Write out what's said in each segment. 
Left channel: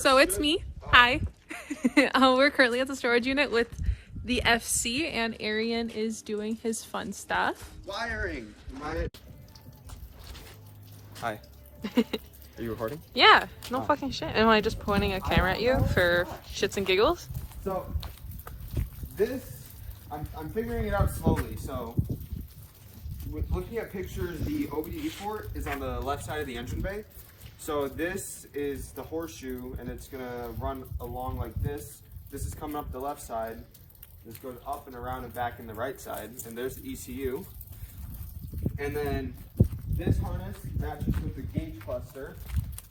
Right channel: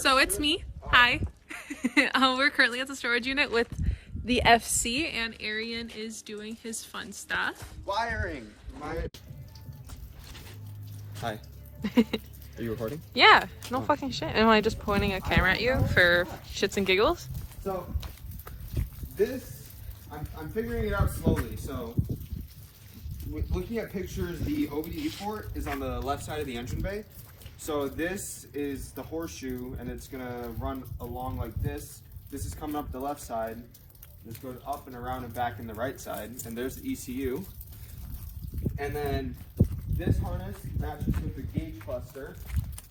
So it's me. Hi. We're currently at the storage unit with the FC, and Arian is doing his fun stuff. Wiring. Hi. Are you recording? Yeah, no fucking shit. Am I just pointing a camera at you for shits and giggles? So, this, I'm figuring it out slowly. So, looking at pictures, the OBD port is on the left side of the engine bay. So this is the horseshoe, and it's gonna run along like this. This is coming up the left side. This goes up and around and back in the right side, and there's the ECU. And then this harness matches with the gauge cluster.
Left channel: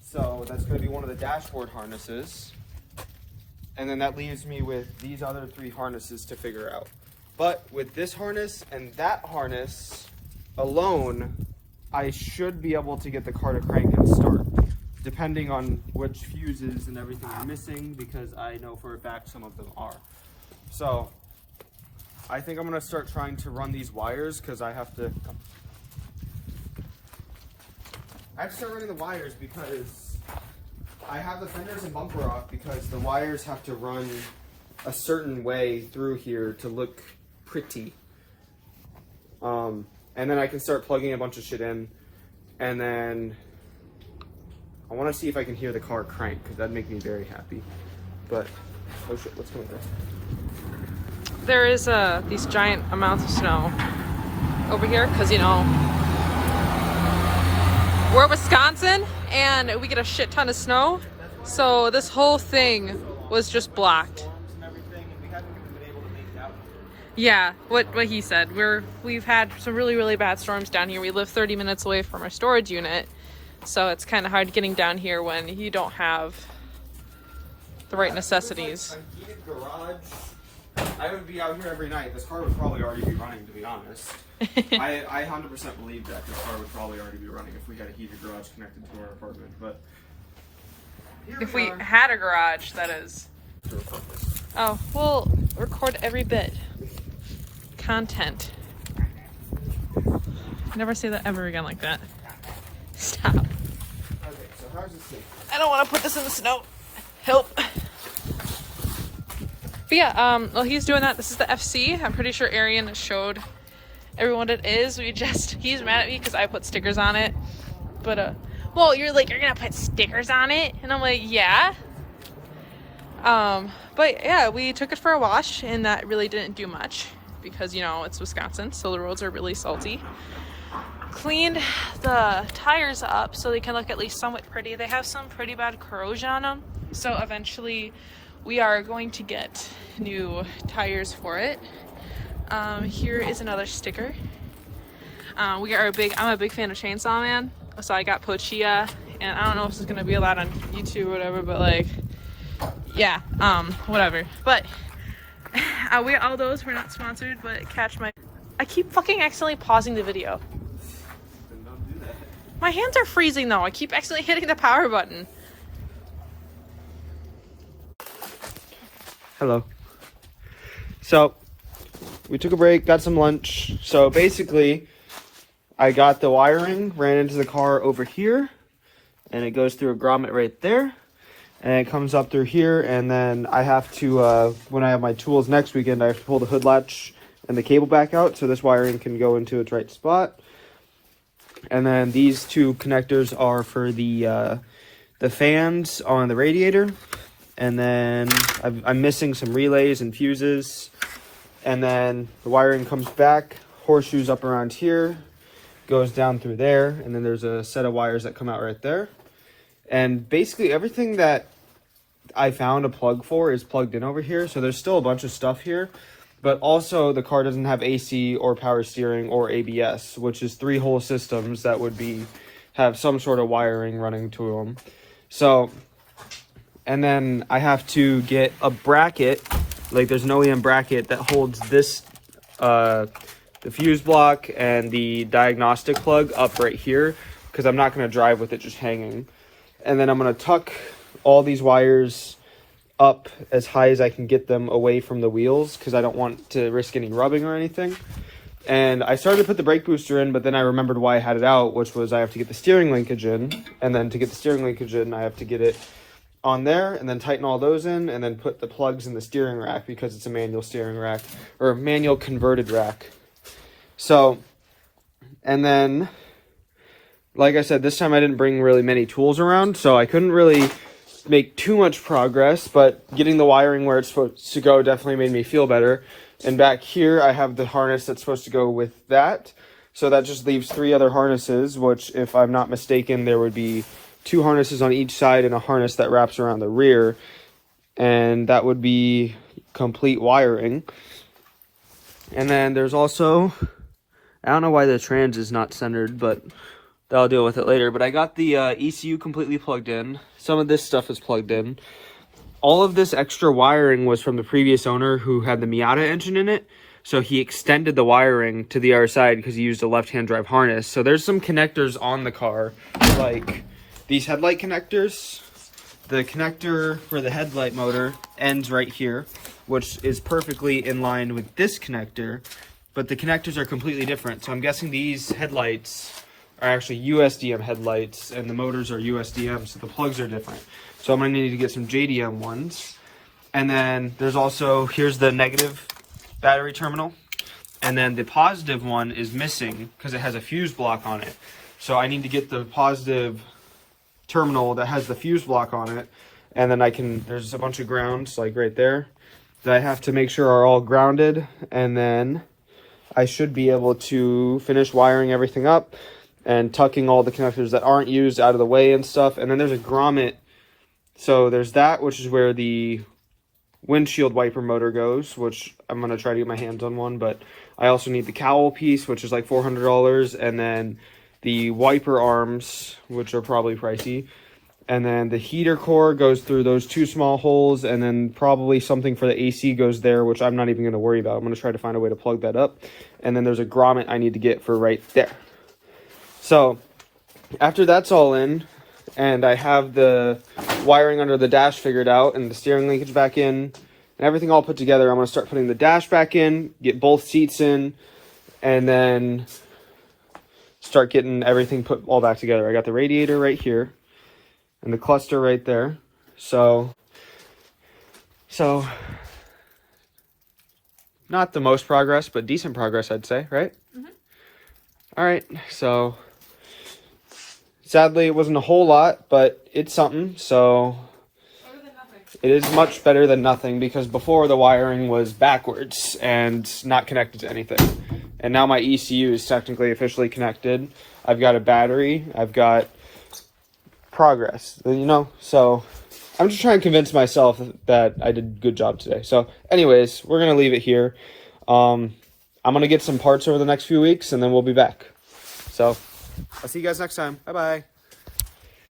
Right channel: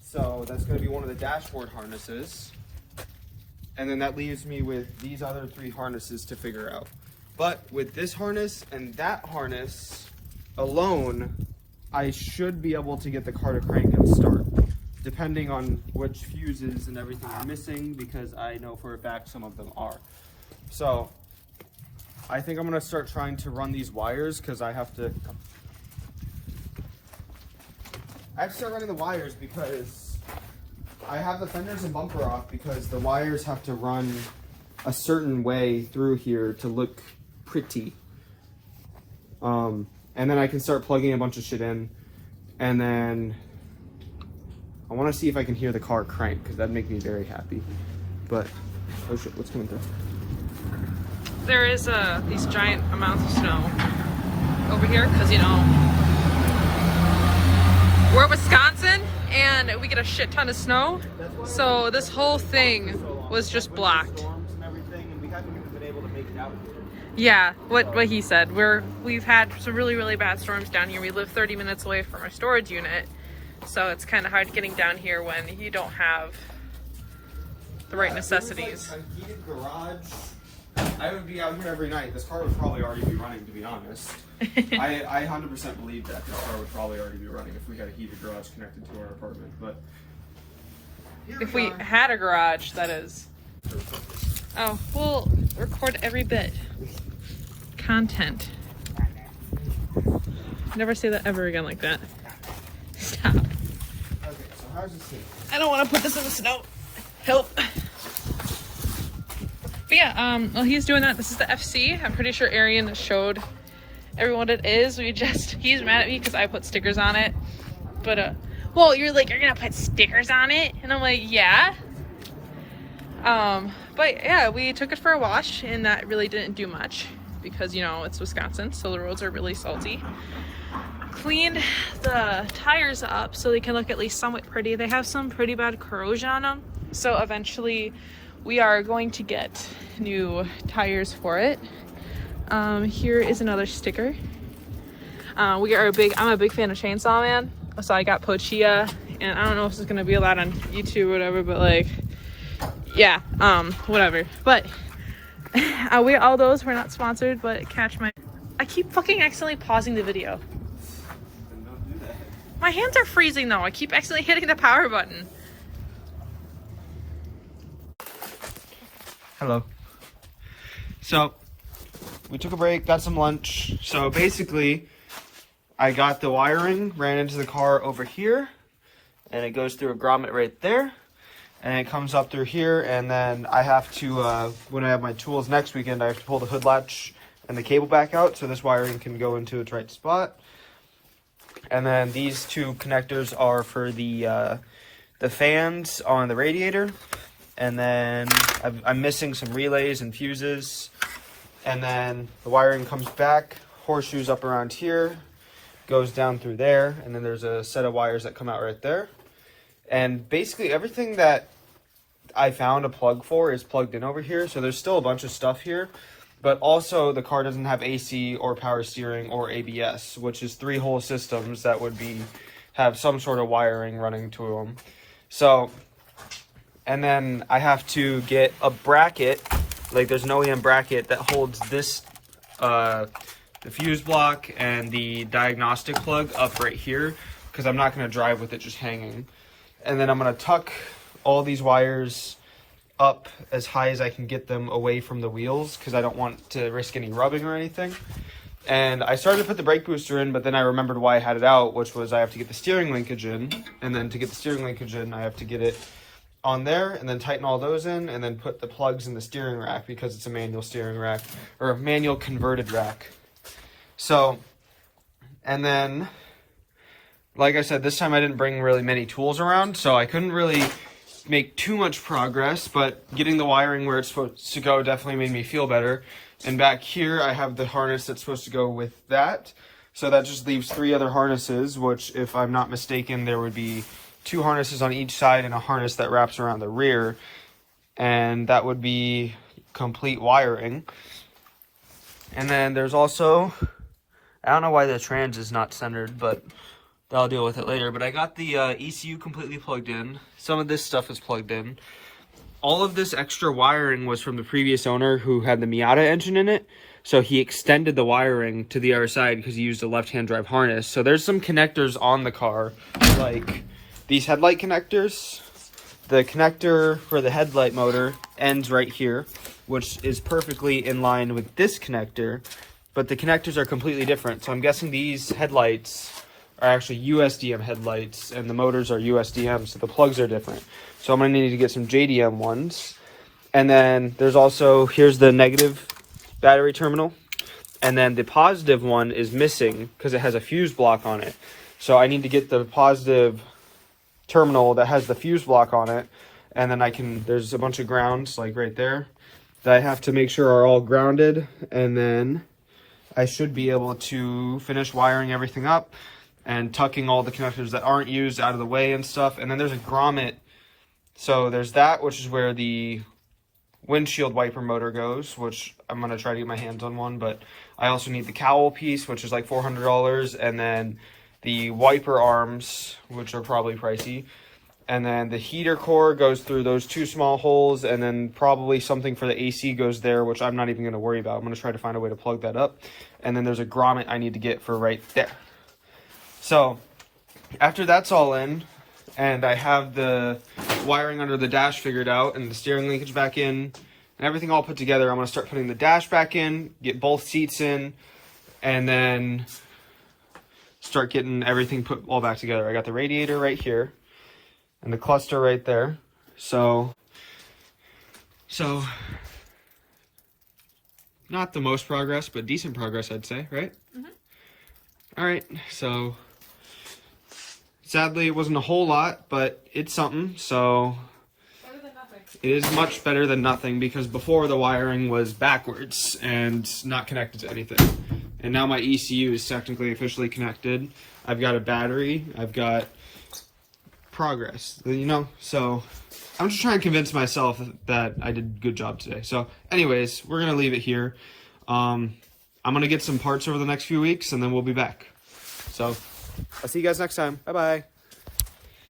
So that's gonna be one of the dashboard harnesses. And then that leaves me with these other three harnesses to figure out. But with this harness and that harness alone, I should be able to get the car to crank and start, depending on which fuses and everything are missing, because I know for a fact some of them are. So I think I'm gonna start trying to run these wires, because I have to start running the wires because I have the fenders and bumper off, because the wires have to run a certain way through here to look pretty. And then I can start plugging a bunch of shit in, and then I want to see if I can hear the car crank, because that'd make me very happy. But oh shit, what's going on? There is these giant amounts of snow over here because, you know, we're in Wisconsin and we get a shit ton of snow. So this whole thing was just blocked. Yeah, what he said. We've had some really bad storms down here. We live 30 minutes away from our storage unit, so it's kind of hard getting down here when you don't have the right necessities. Like a heated garage. I would be out here every night. This car would probably already be running, to be honest. I 100% believe that this car would probably already be running if we had a heated garage connected to our apartment. But if we had a garage, that is. Oh, we'll record every bit. Content. Never say that ever again like that. Stop. okay, so how's it sit? I don't want to put this in the snow. Help. But yeah, well, he's doing that. This is the FC. I'm pretty sure Arian showed everyone what it is. He's mad at me because I put stickers on it. But, well, you're like, you're gonna put stickers on it? And I'm like, yeah. But yeah, we took it for a wash, and that really didn't do much because, you know, it's Wisconsin, so the roads are really salty. Cleaned the tires up so they can look at least somewhat pretty. They have some pretty bad corrosion on them, so eventually we are going to get new tires for it. Here is another sticker. I'm a big fan of Chainsaw Man, so I got Pochia, and I don't know if this is gonna be allowed on YouTube or whatever, but like, yeah, whatever. But all those were not sponsored, but I keep fucking accidentally pausing the video. Then don't do that. My hands are freezing though. I keep accidentally hitting the power button. Hello. So we took a break, got some lunch. So basically I got the wiring, ran into the car over here, and it goes through a grommet right there, and it comes up through here, and then I have to, when I have my tools next weekend, I have to pull the hood latch and the cable back out so this wiring can go into its right spot. And then these two connectors are for the fans on the radiator. And then I'm missing some relays and fuses. And then the wiring comes back, horseshoes up around here, goes down through there, and then there's a set of wires that come out right there. And basically everything that I found a plug for is plugged in over here. So there's still a bunch of stuff here. But also the car doesn't have AC or power steering or ABS, which is 3 whole systems that would have some sort of wiring running to them. So, and then I have to get a bracket, like there's an OEM bracket that holds this, the fuse block and the diagnostic plug up right here, because I'm not going to drive with it just hanging. And then I'm going to tuck all these wires up as high as I can get them away from the wheels, because I don't want to risk any rubbing or anything. And I started to put the brake booster in, but then I remembered why I had it out, which was I have to get the steering linkage in, and then to get the steering linkage in, I have to get it on there, and then tighten all those in, and then put the plugs in the steering rack because it's a manual steering rack, or manual converted rack. So, and then, like I said, this time I didn't bring really many tools around, so I couldn't really make too much progress, but getting the wiring where it's supposed to go definitely made me feel better. And back here, I have the harness that's supposed to go with that. So that just leaves 3 other harnesses, which, if I'm not mistaken, there would be 2 harnesses on each side and a harness that wraps around the rear. And that would be complete wiring. And then there's also, I don't know why the trans is not centered, but I'll deal with it later. But I got the ECU completely plugged in. Some of this stuff is plugged in. All of this extra wiring was from the previous owner who had the Miata engine in it. So he extended the wiring to the other side because he used a left-hand drive harness. So there's some connectors on the car, like these headlight connectors. The connector for the headlight motor ends right here, which is perfectly in line with this connector, but the connectors are completely different. So I'm guessing these headlights are actually USDM headlights and the motors are USDM, so the plugs are different. So I'm gonna need to get some JDM ones. And then there's also, here's the negative battery terminal, and then the positive one is missing because it has a fuse block on it. So I need to get the positive terminal that has the fuse block on it, and then there's a bunch of grounds like right there that I have to make sure are all grounded, and then I should be able to finish wiring everything up and tucking all the connectors that aren't used out of the way and stuff. And then there's a grommet. So there's that, which is where the windshield wiper motor goes, which I'm going to try to get my hands on one, but I also need the cowl piece, which is like $400, and then the wiper arms, which are probably pricey, and then the heater core goes through those 2 small holes, and then probably something for the AC goes there, which I'm not even going to worry about. I'm going to try to find a way to plug that up. And then there's a grommet I need to get for right there. So after that's all in, and I have the wiring under the dash figured out and the steering linkage back in and everything all put together, I'm going to start putting the dash back in, get both seats in, and then start getting everything put all back together. I got the radiator right here and the cluster right there. So not the most progress, but decent progress, I'd say, right? Mm-hmm. All right, so sadly, it wasn't a whole lot, but it's something, so Better than nothing. it is much better than nothing, because before the wiring was backwards and not connected to anything. And now my ECU is technically officially connected. I've got a battery. I've got progress, you know? So I'm just trying to convince myself that I did a good job today. So anyways, we're going to leave it here. I'm going to get some parts over the next few weeks, and then we'll be back. So I'll see you guys next time. Bye-bye.